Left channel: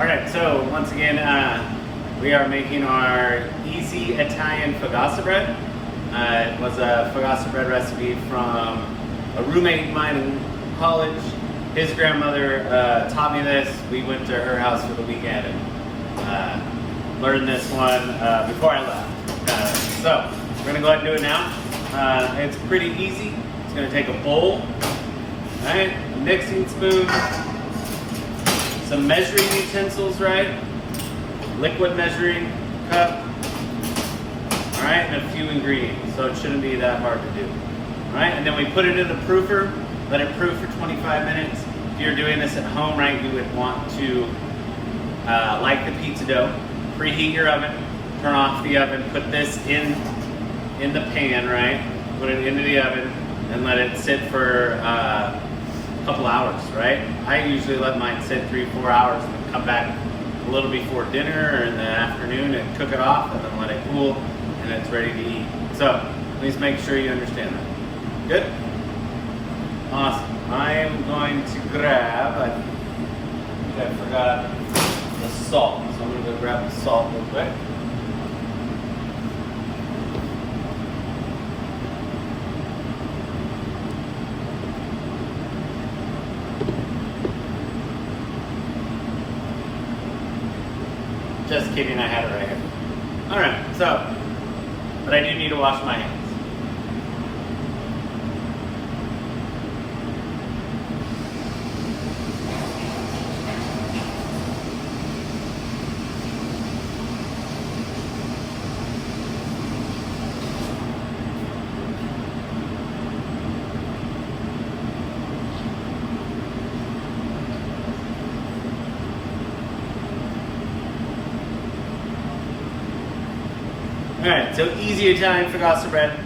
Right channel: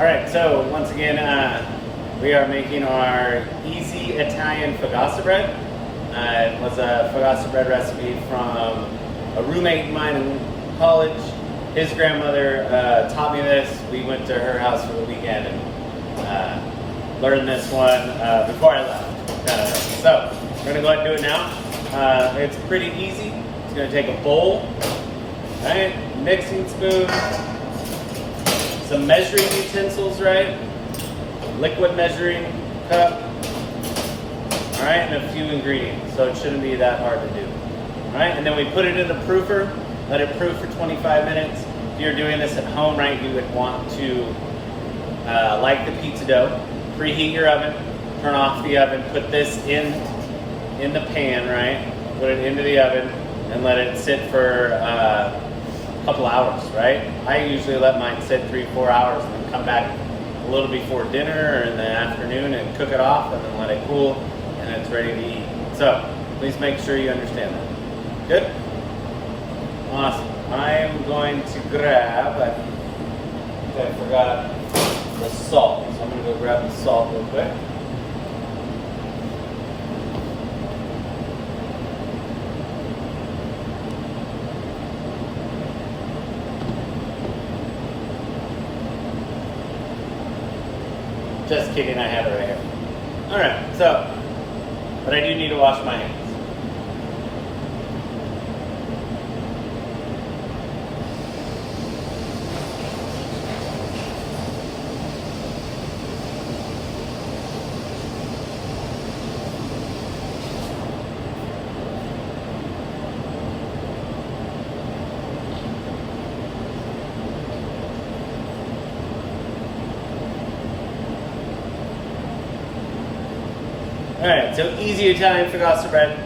All right, so once again, we are making our easy Italian focaccia bread. It was a focaccia bread recipe from a roommate of mine in college. His grandmother taught me this. We went to her house for the weekend and learned this one before I left. So we're gonna go ahead and do it now. It's pretty easy. It's gonna take a bowl, right? Mixing spoon, some measuring utensils, right? Liquid measuring cup, all right, and a few ingredients. So it shouldn't be that hard to do, all right? And then we put it in a proofer, let it proof for 25 minutes. If you're doing this at home, right, you would want to, like the pizza dough, preheat your oven, turn off the oven, put this in the pan, right? Put it into the oven and let it sit for couple hours, right? I usually let mine sit 3-4 hours and then come back a little before dinner or in the afternoon and cook it off and then let it cool and it's ready to eat. So please make sure you understand that. Good? Awesome. I am going to grab, I think I forgot the salt, so I'm going to go grab the salt real quick. Just kidding, I had it right here. All right, so, but I do need to wash my hands. All right, so easy Italian focaccia bread,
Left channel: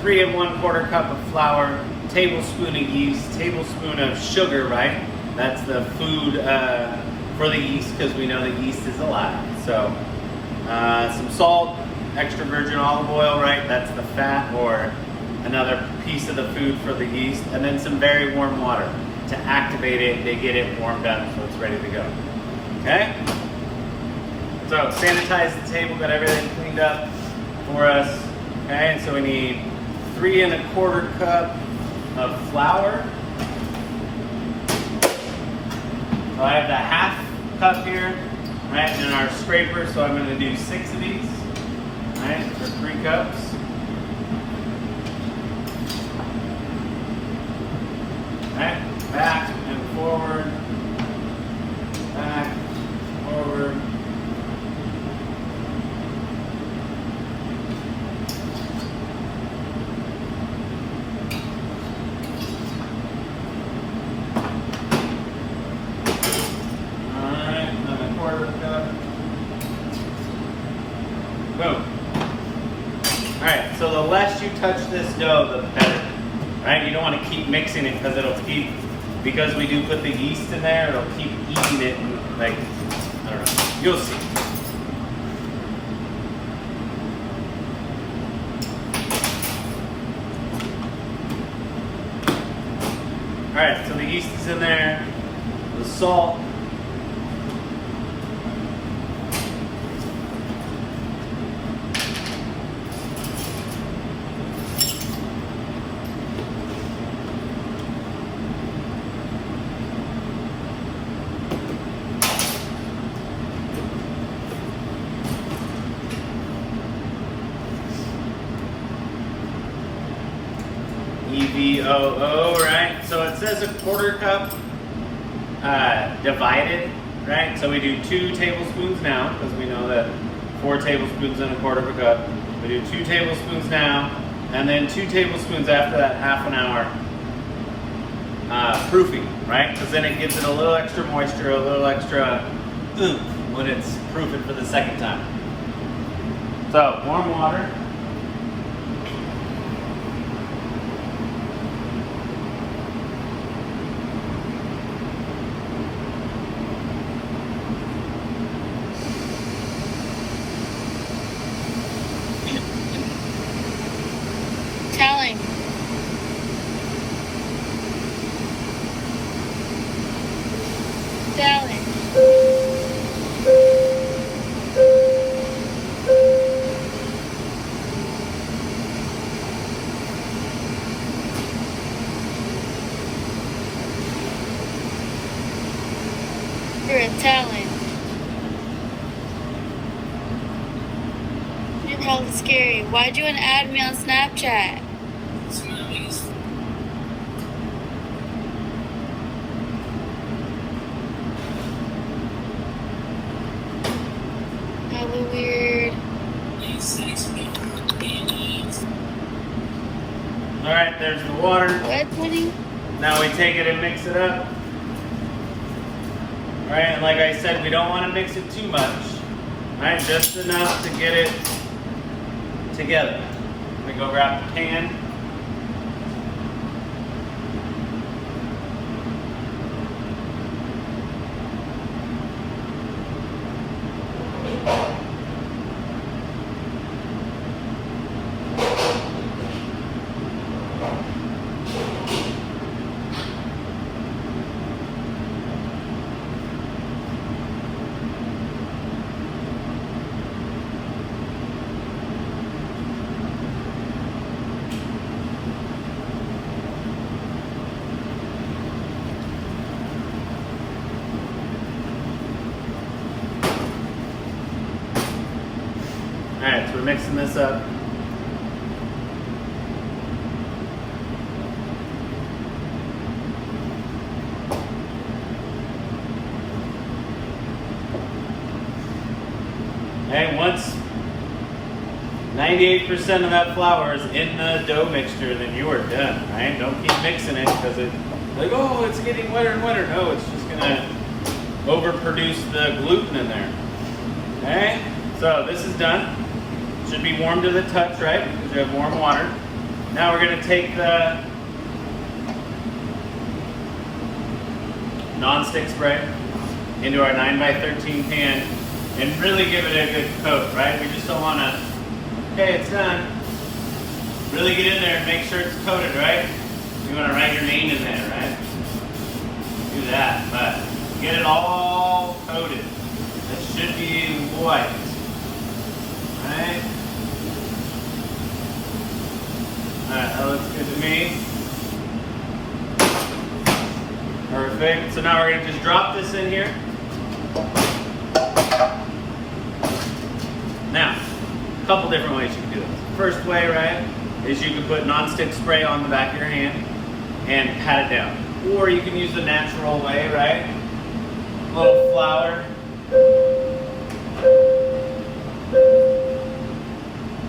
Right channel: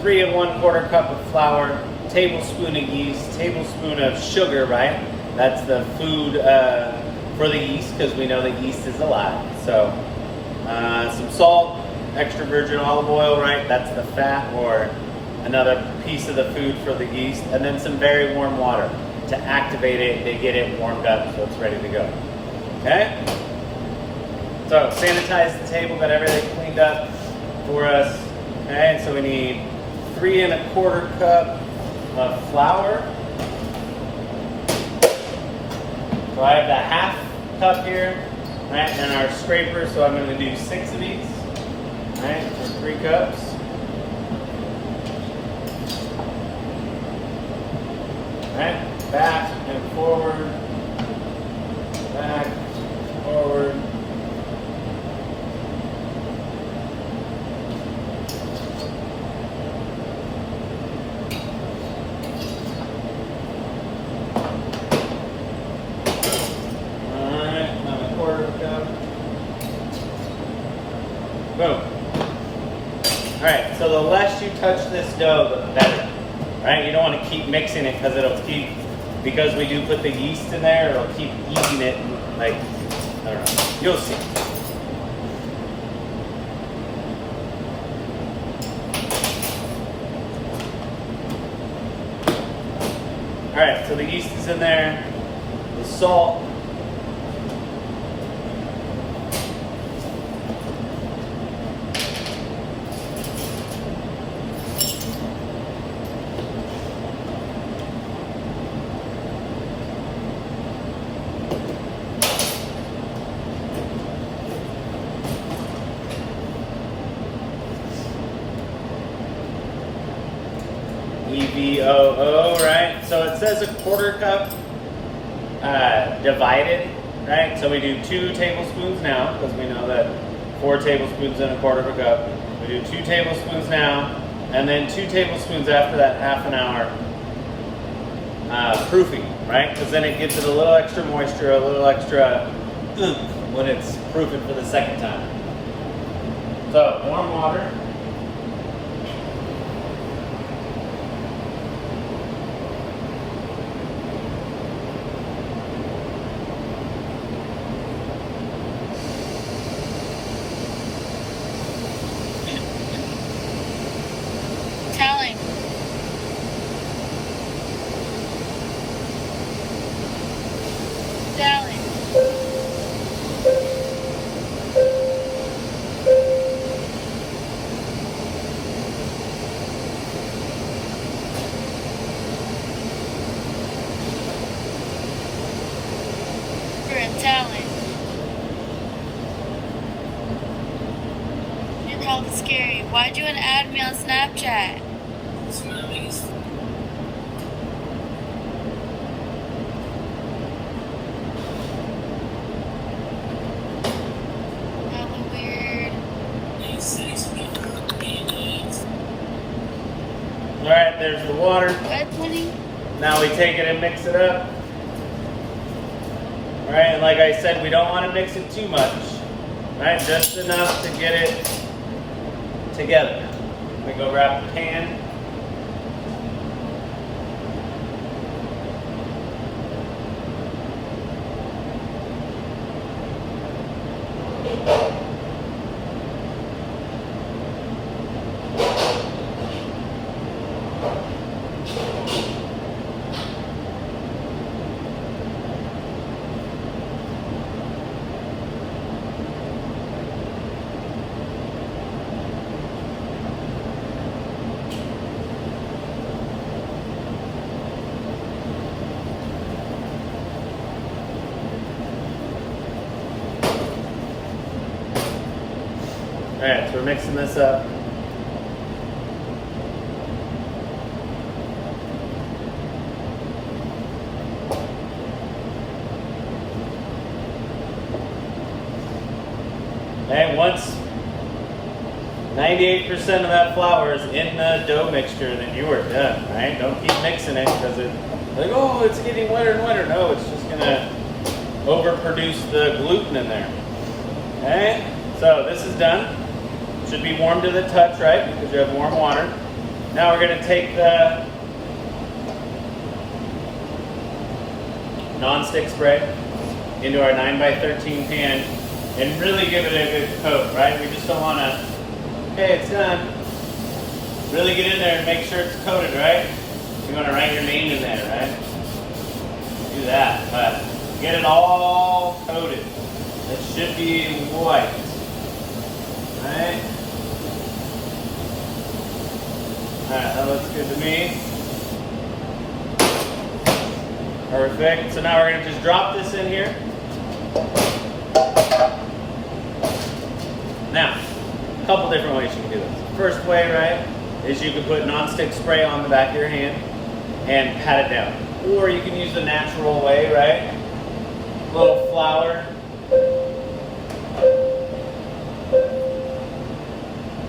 3 1/4 cup of flour, tablespoon of yeast, tablespoon of sugar, right? That's the food for the yeast because we know that yeast is alive. So some salt, extra virgin olive oil, right? That's the fat or another piece of the food for the yeast. And then some very warm water to activate it, to get it warmed up so it's ready to go, okay? So sanitize the table, got everything cleaned up for us, okay? And so we need 3 1/4 cup of flour. So I have the 1/2 cup here, right? And our scraper, so I'm gonna do 6 of these, right? For 3 cups. Right? Back and forward, back, forward. Boom. All right, so the less you touch this dough, the better, right? You don't want to keep mixing it because we do put the yeast in there, it'll keep eating it, and like, I don't know, you'll see. All right, so the yeast is in there, the salt, EVOO, right? So it says 1/4 cup divided, right? So we do 2 tablespoons now because we know that 4 tablespoons and 1/4 cup. We do 2 tablespoons now, and then 2 tablespoons after that 1/2 hour proofing, right? Because then it gives it a little extra moisture, a little extra oomph when it's proofing for the second time. So warm water. for Italian. You're kind of scary. Why'd you want to add me on Snapchat? That'd be weird. All right, there's the water. What, honey? Now we take it and mix it up. All right, and like I said, we don't want to mix it too much. All right, just enough to get it together. We go grab the pan. All right, so we're mixing this up. And once 98% of that flour is in the dough mixture, then you are done, right? Don't keep mixing it because it's like, oh, it's getting wetter and wetter. No, it's just gonna overproduce the gluten in there. Okay, so this is done. Should be warm to the touch, right? Because you have warm water. Now we're gonna take the non-stick spray into our 9x13 pan and really give it a good coat, right? We just don't wanna, okay, it's done. Really get in there and make sure it's coated, right? You wanna write your name in there, right? Do that, but get it all coated. It should be white, right? Alright, that looks good to me. Perfect. So now we're going to just drop this in here. Now, a couple different ways you can do this. First way, right, is you can put non-stick spray on the back of your hand and pat it down. Or you can use the natural way, right? A little flour.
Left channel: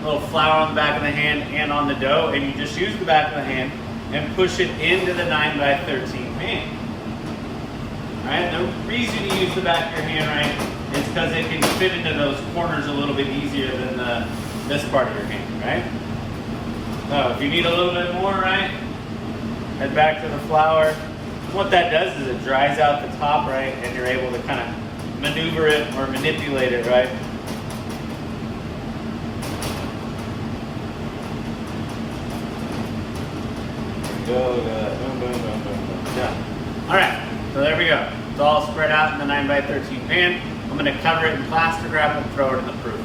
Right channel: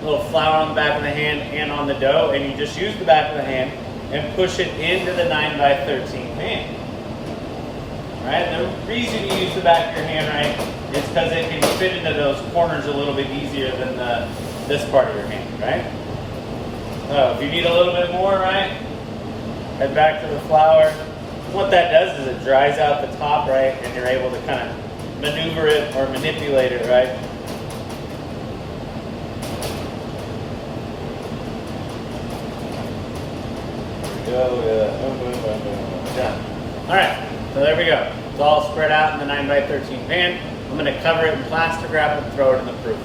Little flour on the back of the hand and on the dough, and you just use the back of the hand and push it into the 9x13 pan. Right? The reason you use the back of your hand, right, is because it can fit into those corners a little bit easier than this part of your hand, right? So if you need a little bit more, right, head back to the flour. What that does is it dries out the top, right, and you're able to kind of maneuver it or manipulate it, right? Boom, boom, boom, boom, boom. Done. All right, so there we go. It's all spread out in the 9x13 pan. I'm going to cover it in plastic wrap and throw it in the proof.